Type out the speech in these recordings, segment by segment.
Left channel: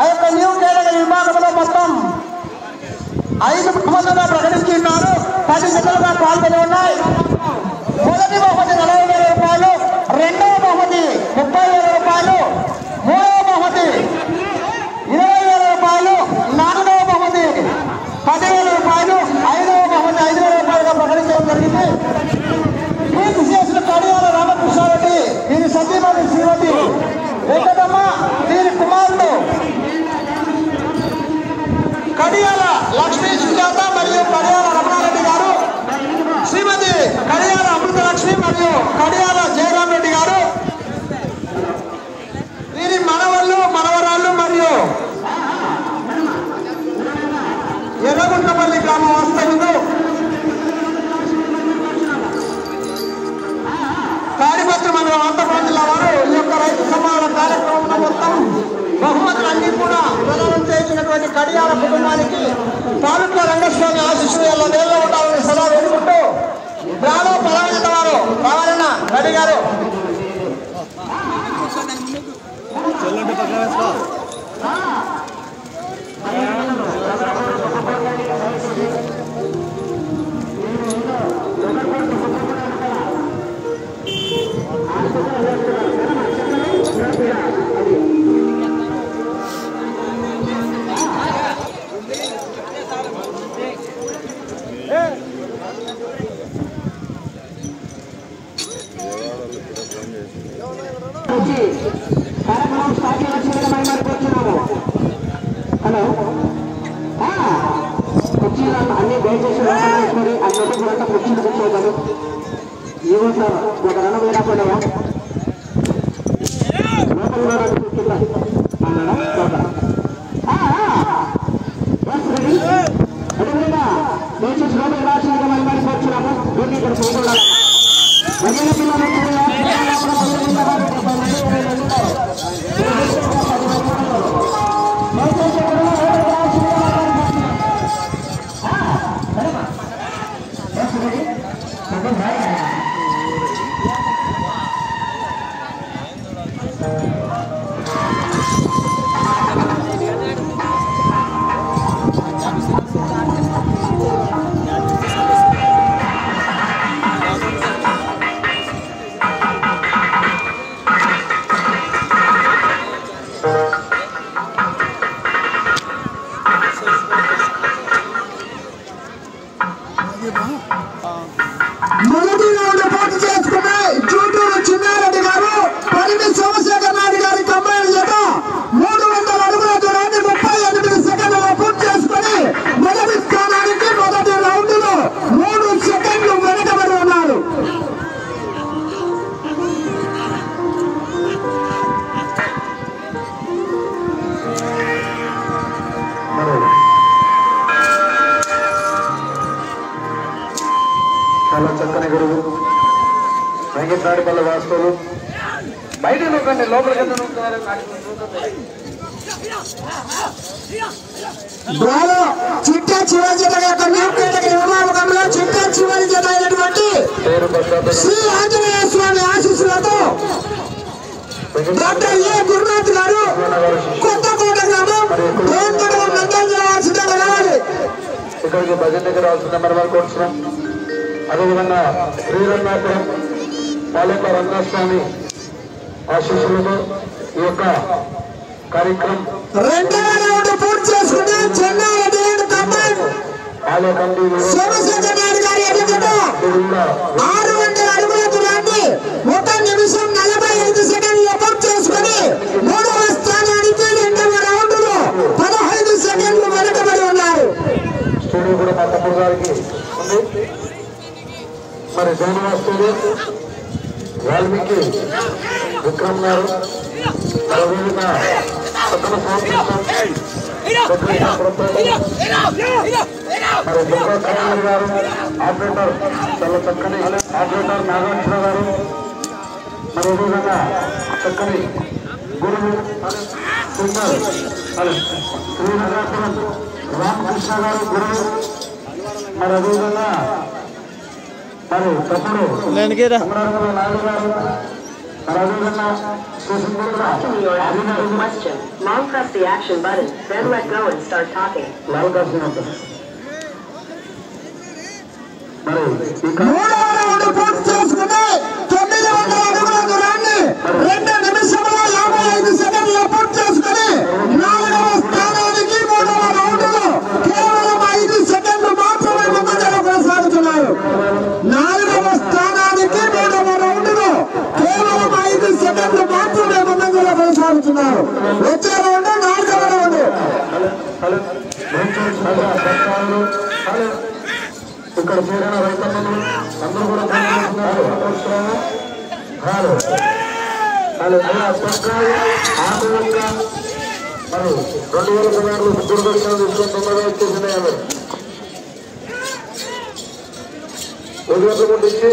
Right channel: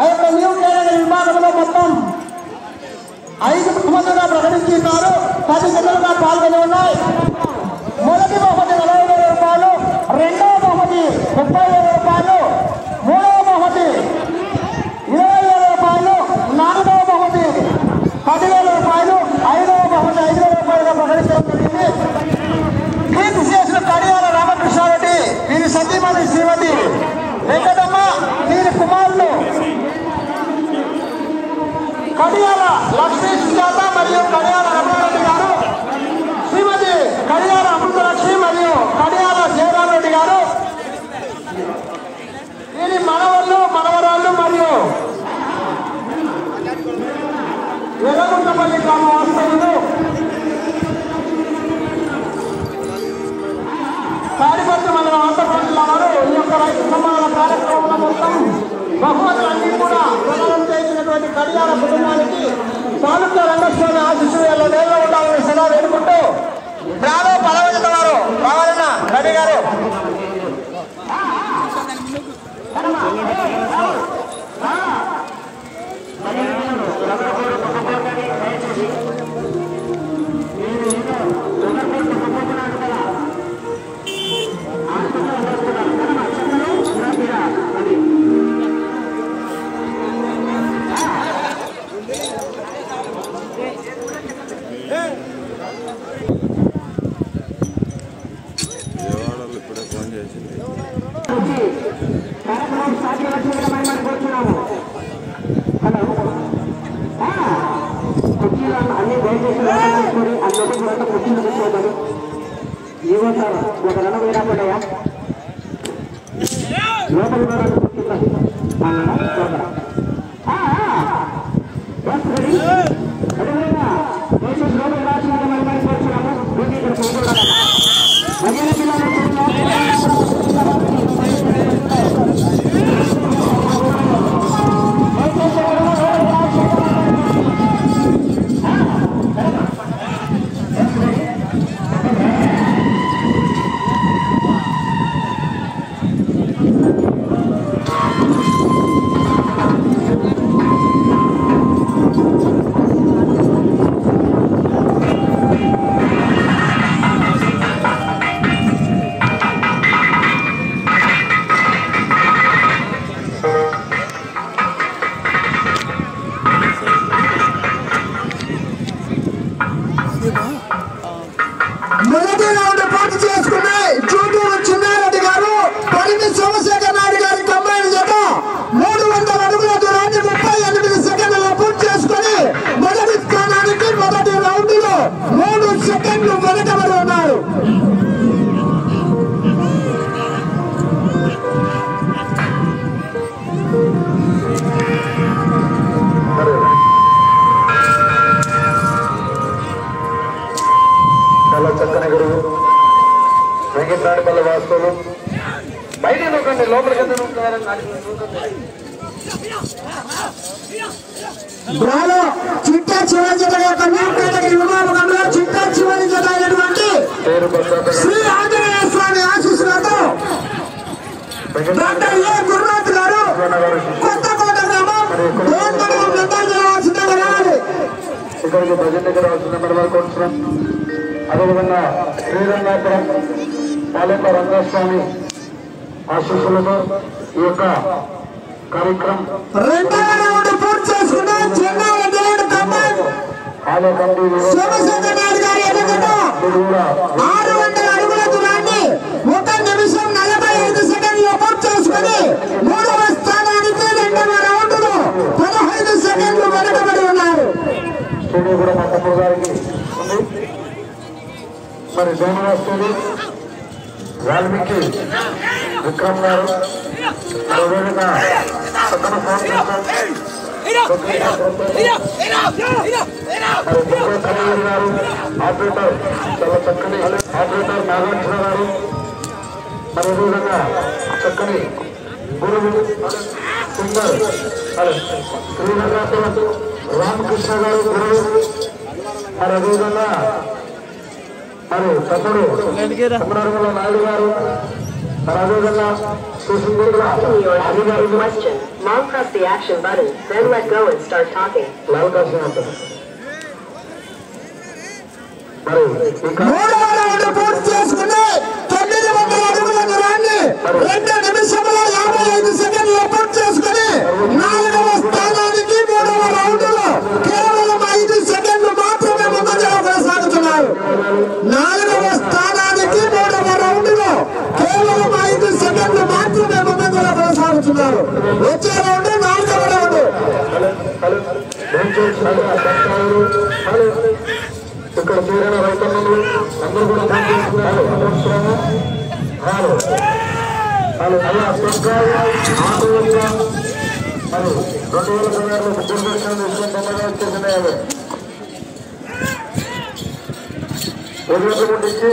ఆ యొక్క new category విభాగంలో మొత్తం 5 బహుమతులుగా ప్రకటిస్తున్నారు. 10 జతలుగా పాల్గొని ఉన్నాయి. మొదటి బహుమతి 40,000 రూపాయలు, రెండవ బహుమతి 30,000 రూపాయలు, మూడవ బహుమతి 20,000 రూపాయలు, నాలుగవ బహుమతి 10,000 రూపాయలు, ఐదవ బహుమతి 5,000 రూపాయలుగా ప్రకటించడం జరిగింది. ఈ విశేషులు కడియాల రామకృష్ణారెడ్డి, వీరి సతీమణి శ్రీమతి వెంకటమ్మ, వీరి కుమారులు కడియాల లక్ష్మీ సుజాత మరియు కడియాల రమణారెడ్డి గారు, శ్రీమతి కడియాల అమృతలక్ష్మి మరియు కడియాల జయరామ్ రెడ్డి గారు, వీరి మనవళ్ళు మనవరాళ్ళు మరియు ఎర్రగుంటపల్లి గ్రామ వాస్తవ్యులు తాడిపత్రి మండలం అనంతపురం జిల్లా వారు ఈ యొక్క రైతు సమాన కార్యక్రమంలో మొత్తం బహుమతులన్నీ కూడా ప్రదానం చేసినటువంటి కడియాల కుటుంబానికి తాలూకా రంగస్వామి ఆశీస్సులు ఎలా నేలలో ఉండాలని సలహా వేడుకుంటూ బ్రాహ్మణ పదవిత వారు రావాలన్న రవి గారు చక్కని గురువు వెంకటరాడిపల్లి వాస్తవులు బయట నూకండి లోపలికి చిట్టా చివరి జత చిట్టా చివరి జత అయినటువంటి శ్రీ ఆంజనేయ స్వామి ఆశీస్సులతో డాక్టర్ ఏ గురునాథ్ గారు కొత్తకోట గ్రామం ఇక్కడికి భజన దగ్గర రావాల్సిన నెంబర్ కోరుతున్నాం. అదేవిధంగా శ్రీరంగాపురం తాలూకా రంగస్వామి ఆశీస్సులతో ఈ యొక్క కార్యక్రమం పూర్తి చేసుకున్న సోమశేఖర్ నాయుడు గారి ఎదుగుతో 600 అడుగుల దూరాన్ని 1 నిమిషం 45 సెకండ్లో పూర్తి చేసుకుని 3వ స్థానానికి 2వ రౌండ్ లో 15 సెకండ్లు వెనుకబడి ఉన్నారు. స్టేడియం కూడా మా తమ్ముడు గారికి మరి శ్రీనివాస్ స్టేడియం వాల్మీకి విక్రమ్ గారు అదేవిధంగా ఆపరేటర్ చాలా చక్కని ఆపరేటర్ నారాయణ గారు అదేవిధంగా చక్కని గురువు సింగర్ శ్రీరంగాపురం రామకృష్ణ గారు గురువు మరి అదేవిధంగా మరి తమ్ముడు నాయుడు గారు మరి అదేవిధంగా Asking your question. Now press the action button, then let go and start talking. వచ్చే రౌండ్ 4వ రౌండ్ ఇక్కడ చేరిన రైతన్నలు అందరూ కూడా మరి 2016 ముగ్గురు దర్శనం నెరవేర్చేసింది ఇచ్చి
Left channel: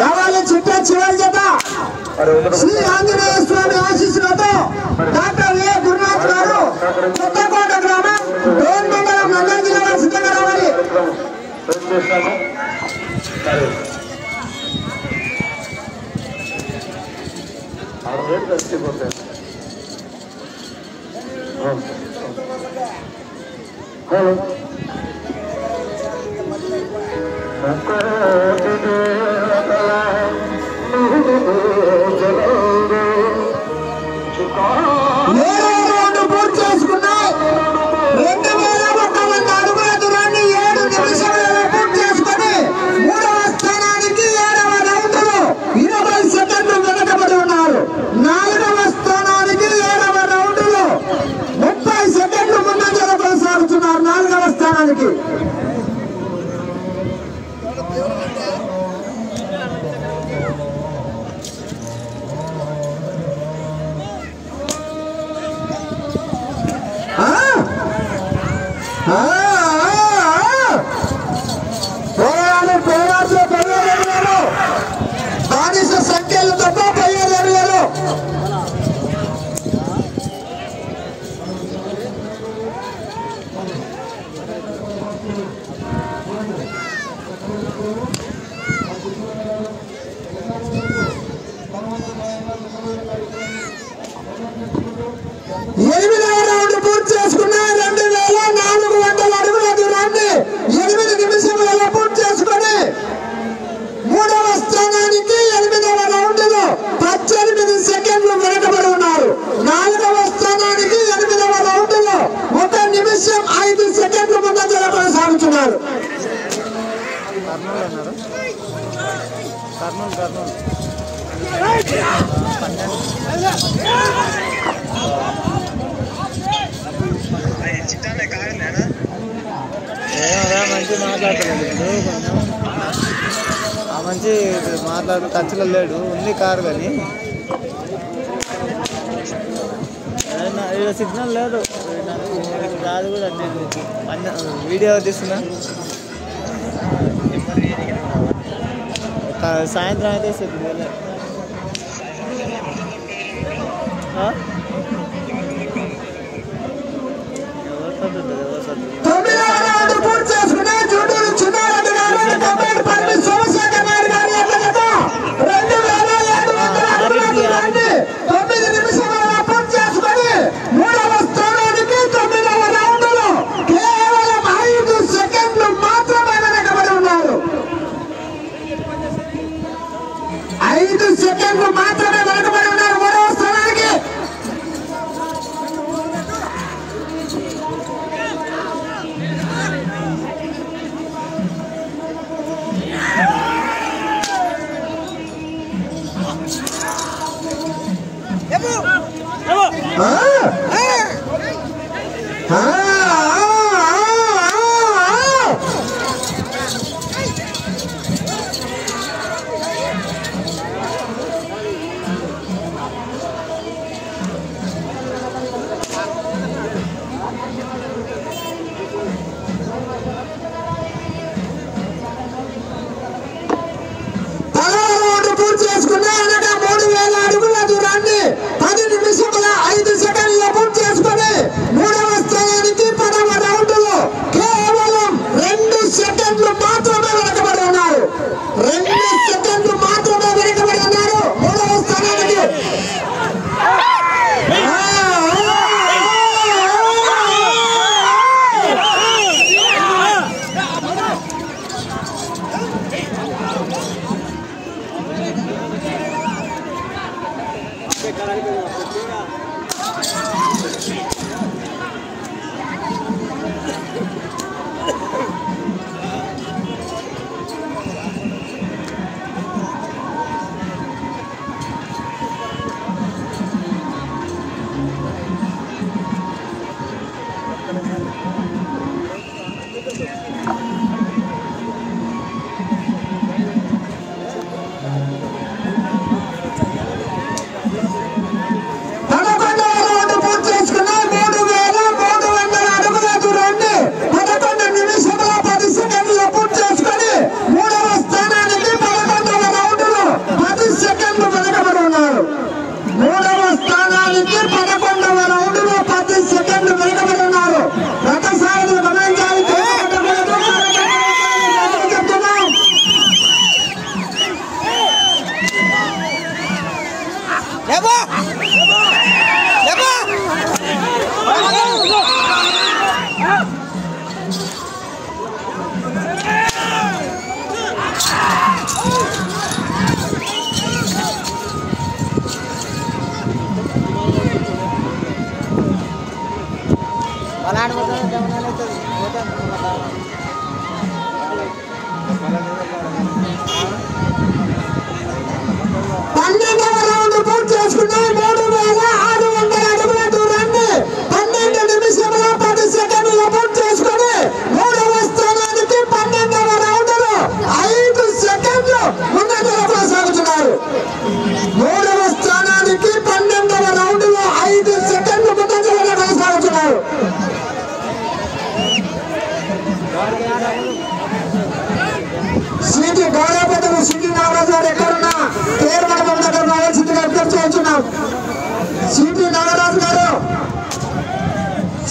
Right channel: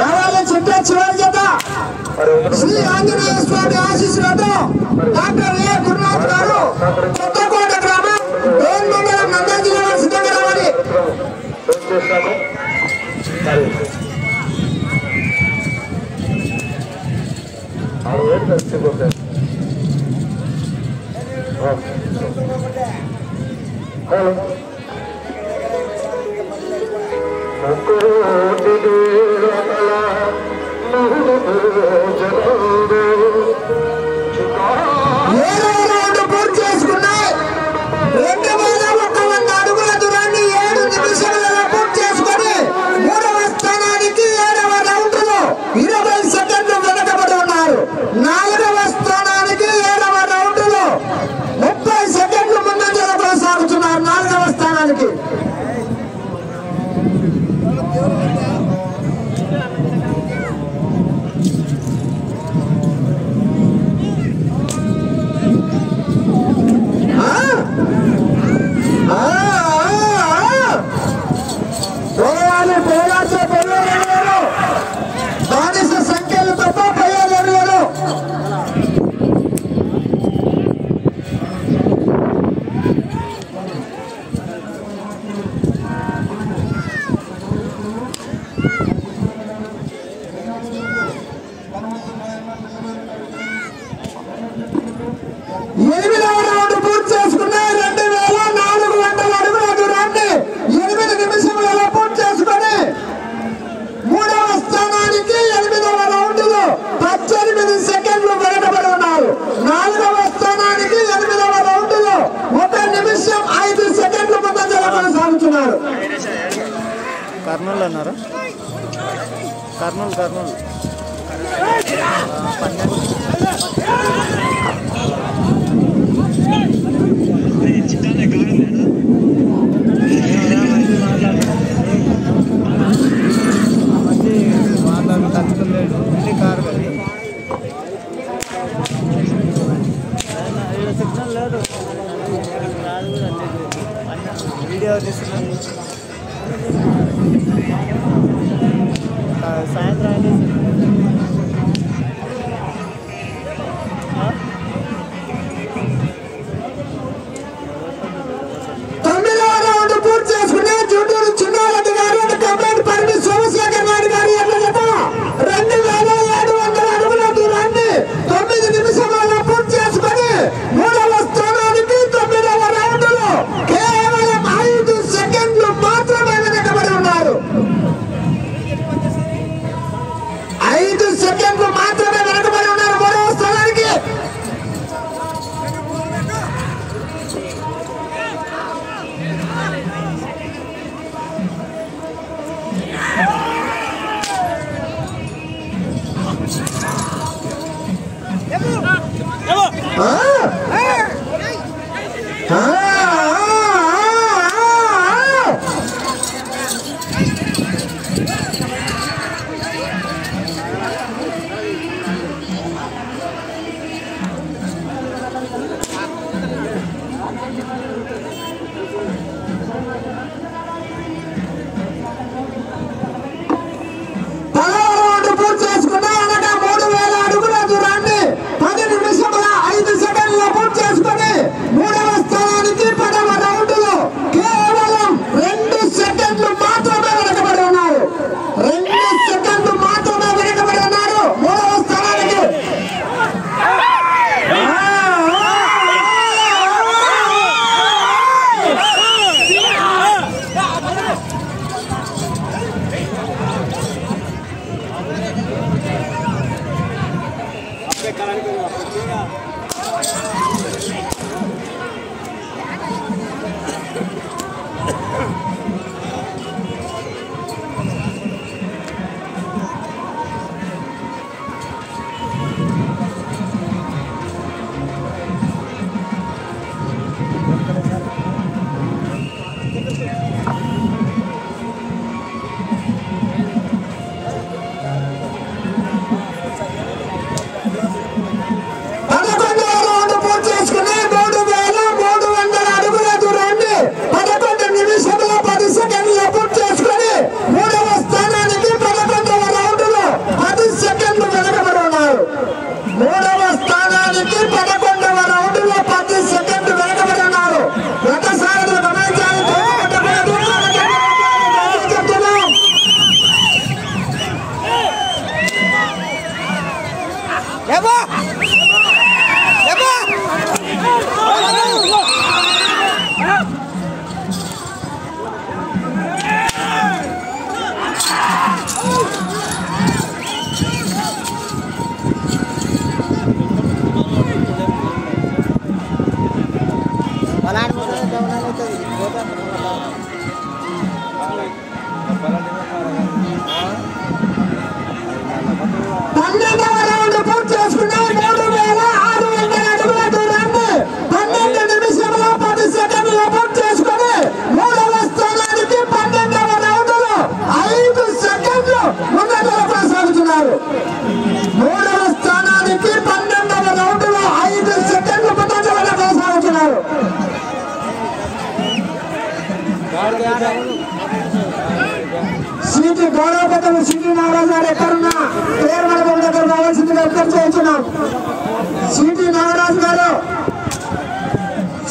రావాలి చిట్ట చివరి జత శ్రీ ఆంజనేయ స్వామి ఆశీస్సులతో డాక్టర్ ఏ గురునాథ్ గారు కొత్తకోట గ్రామం డోన్ మండలం నంద్యాల జిల్లా వారు సిద్ధంగా రావాలి. మంచి మాట్లాడు టచ్లో లేడు ఉంది కారు కానీ సిగ్నల్ లేదు కాదు కూడా వీడియో తీస్తున్నా సాయంత్రం అయితే సెకండ్లు మాత్రమే వెనకబడి ఉన్నారు మూడవ స్థానానికి. సిటీ నాగరాజు గారు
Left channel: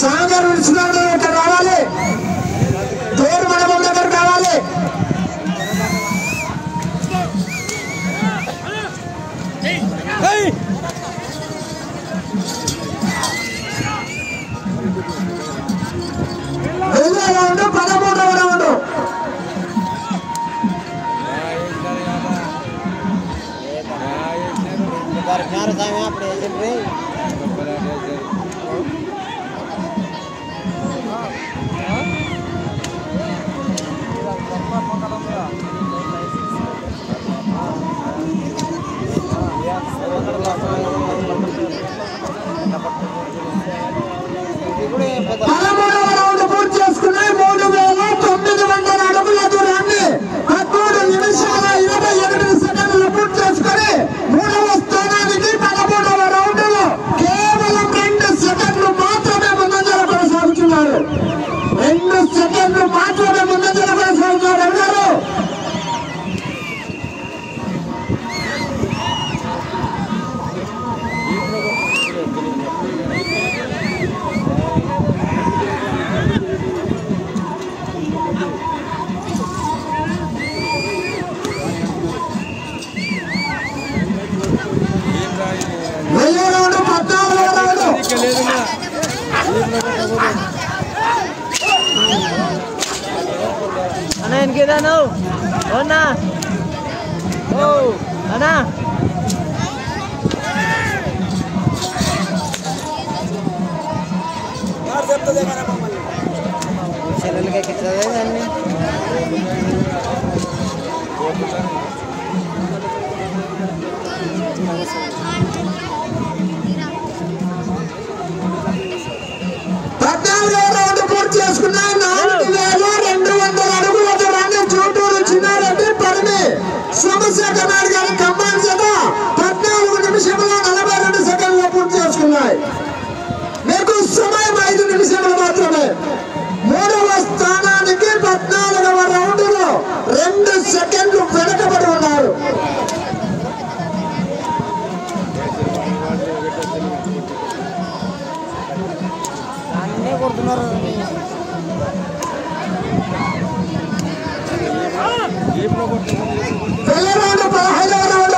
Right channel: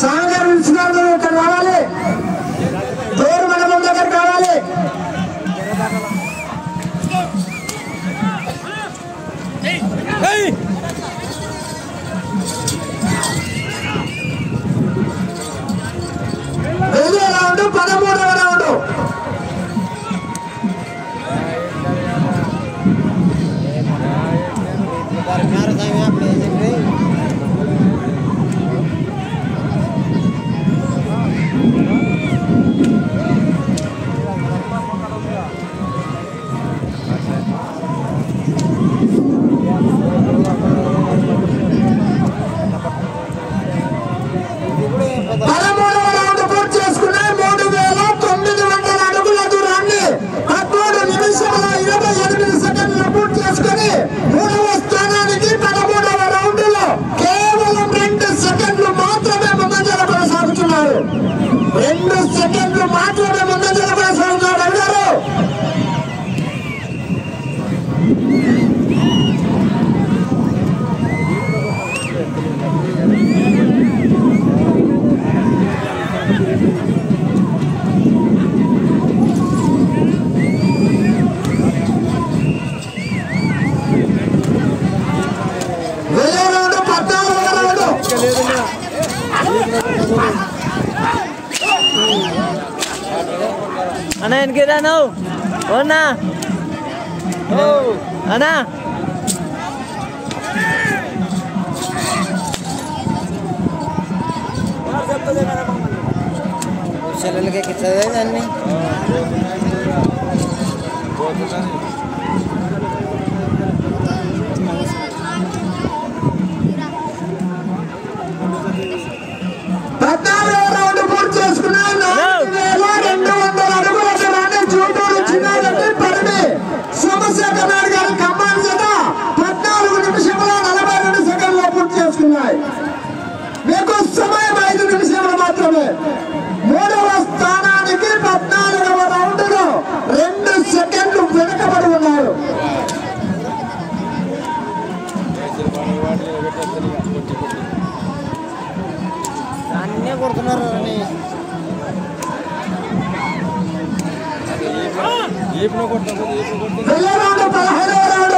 సాగర్ విశ్వనాథ్ ఇక్కడ రావాలి, పేరు మండపం దగ్గర కావాలి. రెండో రౌండ్ 13వ రౌండ్. వెనకేనా నువ్వు అవునా అన్నా సెలవులకి ఎక్కించదే దాన్ని సోమశేఖర్ నాయుడు గారు ఖమ్మాన్ చేత 14 నిమిషముల 42 సెకండ్లు పూర్తి చేసుకున్నాయి. మీకు సమయం 5 నిమిషములు మాత్రమే. 3వ స్థానానికి 14వ రౌండ్లో 2 సెకండ్లు వెనుకబడి ఉన్నారు. కొడుతున్నారు వెళ్ళే రౌండ్ 15వ రౌండ్.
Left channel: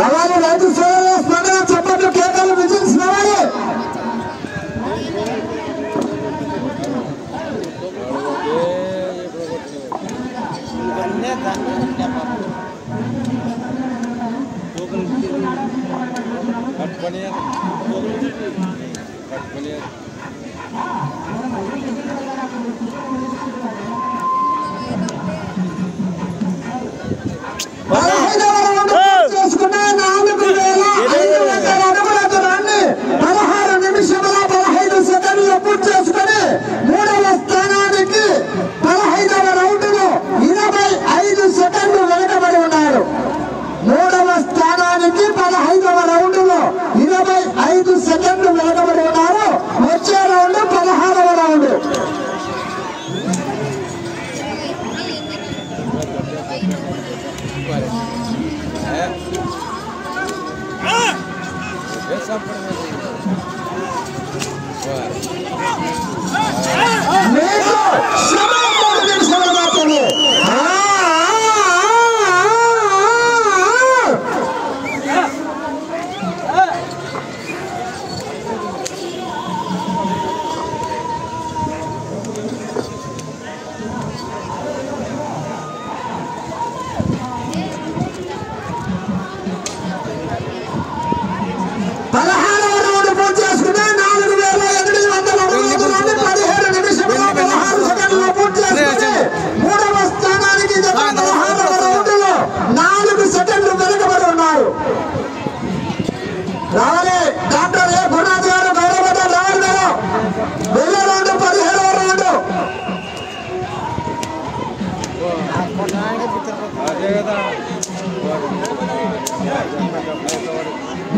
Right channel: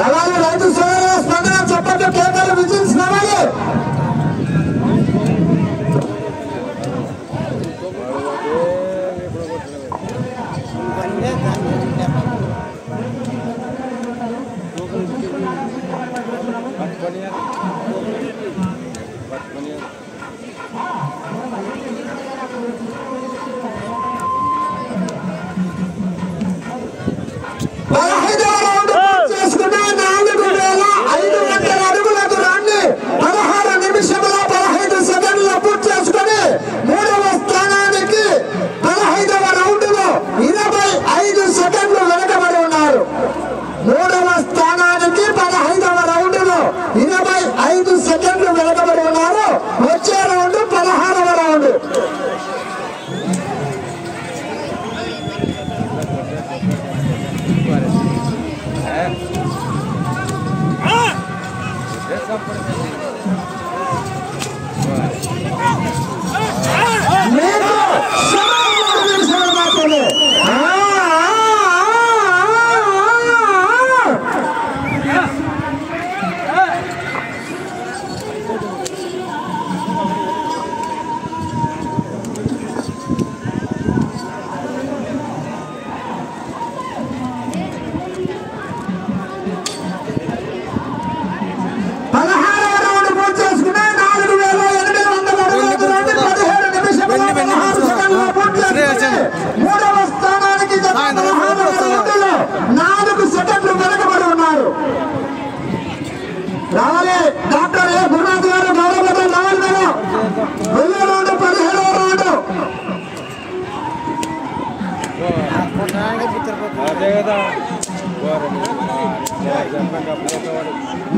రవాణా రైతు సోదరుల స్పందన చప్పట్లు కేకలు విజిల్స్ రావాలి. సెకండ్లు వెనకబడి ఉన్నారు. వచ్చే రౌండ్ 16వ రౌండ్. మూడవ స్థానానికి 4 సెకండ్లు వెనుకబడి ఉన్నారు. డాక్టర్ ఏ గురునాథ్ గారు గౌరవ రావాలి కదా. వెళ్ళే రౌండ్ 17వ రౌండ్.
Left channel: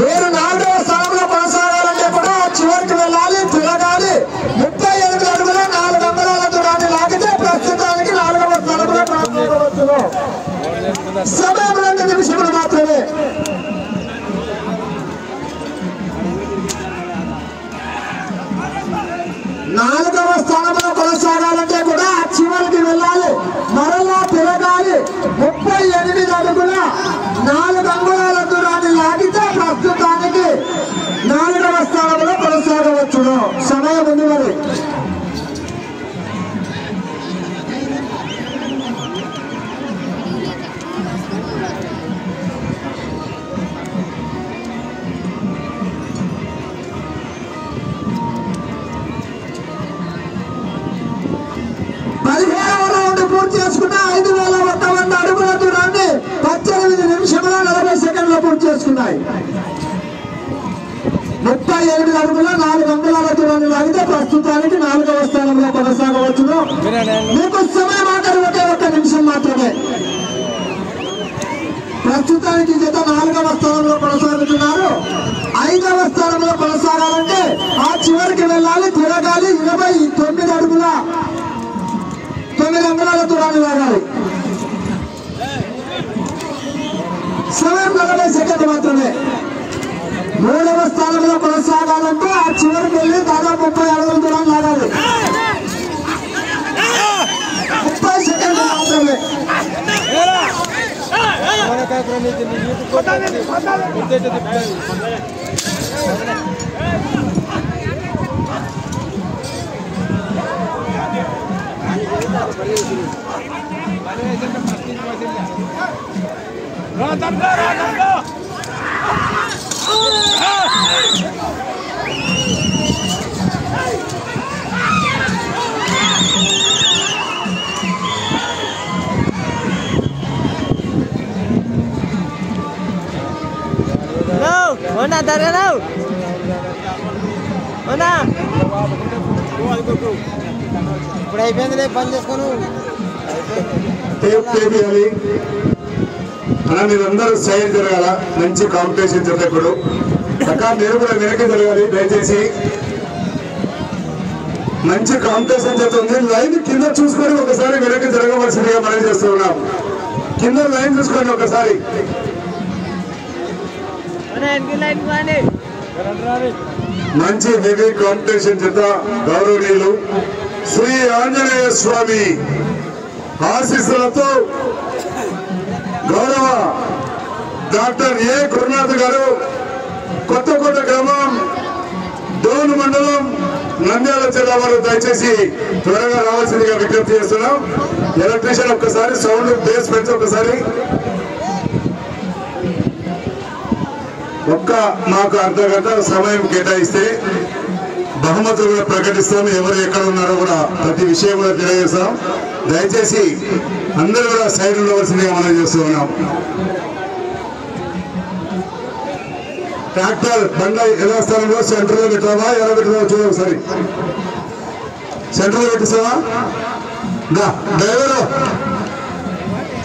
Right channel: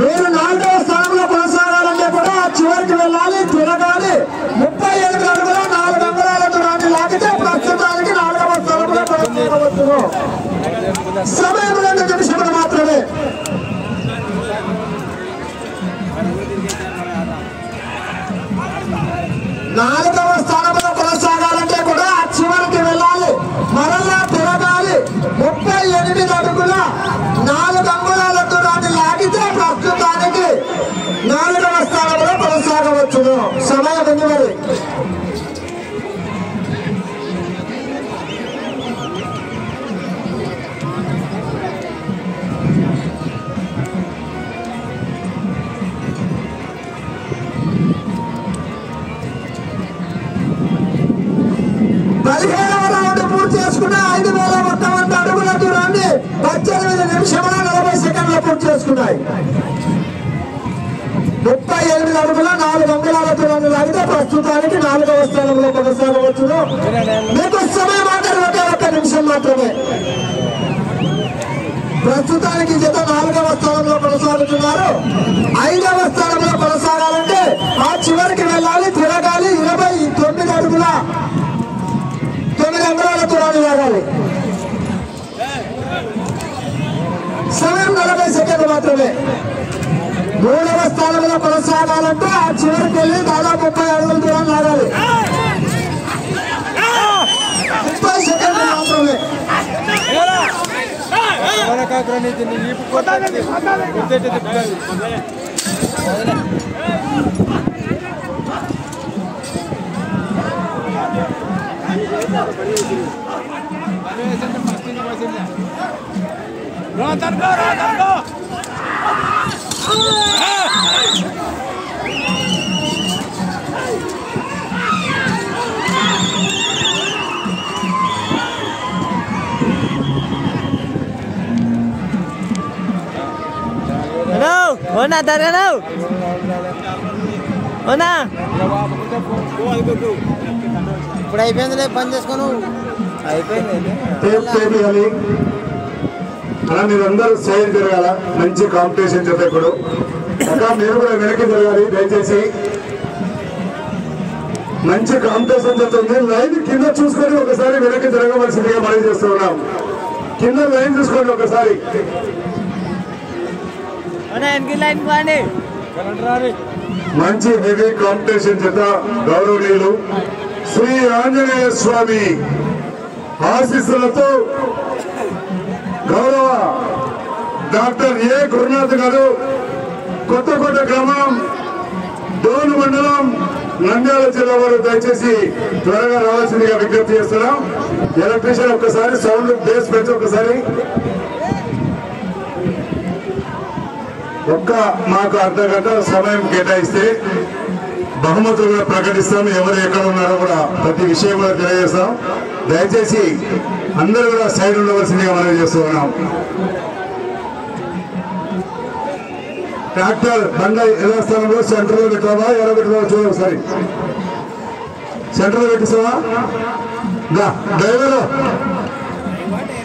మీరు 4వ స్థానంలో కొనసాగాలంటే కూడా చివరికి వెళ్ళాలి, తిరగాలి. 38 అడుగుల 4 అంగుళాలకు నాటి లాగితే ప్రస్తుతానికి 4వ స్థానంలో కొనసాగవచ్చు. సమయం 2 నిమిషములు మాత్రమే. నాలుగవ స్థానంలో కొనసాగాలంటే కూడా చివరికి వెళ్ళాలి, మరలా తిరగాలి. 38 అడుగుల 4 అంగుళాల దూరాన్ని లాగితే ప్రస్తుతానికి 4వ స్థానంలో కొనసాగవచ్చును. సమయం ఉంది మరి. పూర్తి చేసుకున్న 5051 అడుగుల దూరాన్ని 18 నిమిషముల 40 సెకండ్లు పూర్తి చేసుకున్నాయి. 38 అడుగుల 4 అంగుళాల దూరాన్ని లాగితే ప్రస్తుతానికి 4వ స్థానంలో కొనసాగవచ్చును. మీకు సమయం ఆఖరి ఒకే 1 నిమిషం మాత్రమే. ప్రస్తుతానికి జత 4వ స్థానంలో కొనసాగుతున్నారు. 5వ స్థానంలో కొనసాగాలంటే ఆ చివరికి వెళ్ళాలి, తిరగాలి. 29 అడుగుల 9 అంగుళాల దూరాన్ని లాగాలి. సమయం 40 సెకండ్లు మాత్రమే. మూడవ స్థానంలో కొనసాగాలంటే ఆ చివరికి వెళ్ళి దాదాపు 30 అడుగుల దూరం లాగాలి. 30 సెకండ్లు మాత్రమే. ఇప్పుడు అయిపోయింది పని చేసుకోను అయిపోయింది. అలా మీరందరూ సైడ్ జరగాల. మంచి కాంపిటీషన్ చెప్పేప్పుడు అక్క మీరు కూడా వెనక్కి జరగాలి దయచేసి. మంచి కాంపిటీషన్ చెప్తుంది. లైన్ కింద చూసుకొని ఒకసారి వెనక్కి జరగవలసిందిగా మనం చేస్తూ ఉన్నాం. కింద లైన్ చూసుకోండి ఒకసారి. మంచి హెవీ కాంపిటీషన్ చేత గౌరవనీయులు శ్రీ ఆంజనేయ స్వామి ఆశీస్సులతో గౌరవ డాక్టర్ ఏ గురునాథ్ గారు కొత్త గ్రామం డోన్ మండలం నంద్యాల జిల్లా వారు దయచేసి త్వరగా రావాల్సిందిగా విజ్ఞప్తి చేస్తున్నాం. ఎలక్ట్రీషియన్ ఒక్కసారి సౌండ్ బేస్ పెంచి ఒకసారి మాకు అర్ధగంట సమయం కేటాయిస్తే బహుమతులు కూడా ప్రకటిస్తాం. ఎవరు ఎక్కడ ఉన్నారో కూడా ప్రతి విషయం కూడా తెలియజేస్తాం. దయచేసి అందరూ కూడా సైడ్ ఉండవలసిందిగా మనం చేస్తూ ఉన్నాం. ట్రాక్టర్ బండ యథాస్థానంలో సెంటర్ లో పెట్టావా ఎలా పెట్టావా చూడ ఒకసారి. సెంటర్ లో పెట్టిస్తావా? డ్రైవర్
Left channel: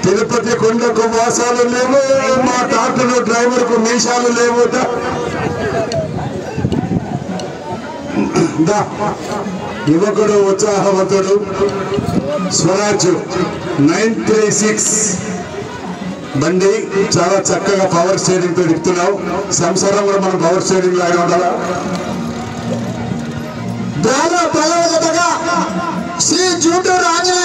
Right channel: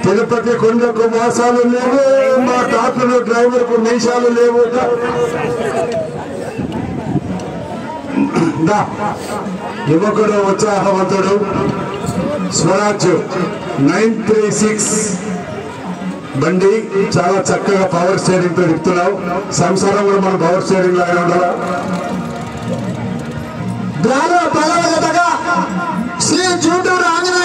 తిరుపతి కొండకు వాసాలు లేవు, మా ట్రాక్టర్ డ్రైవర్ కు మీసాలు లేవు. యువకుడు ఉత్సాహవంతుడు స్వరాజ్ 936 బండి చాలా చక్కగా పవర్ స్టీరింగ్ తో తిప్పుతున్నావు. సంసారంలో మనం పవర్ స్టీరింగ్ లాగా ఉండాలా. శ్రీ జూటూరు ఆంజనేయ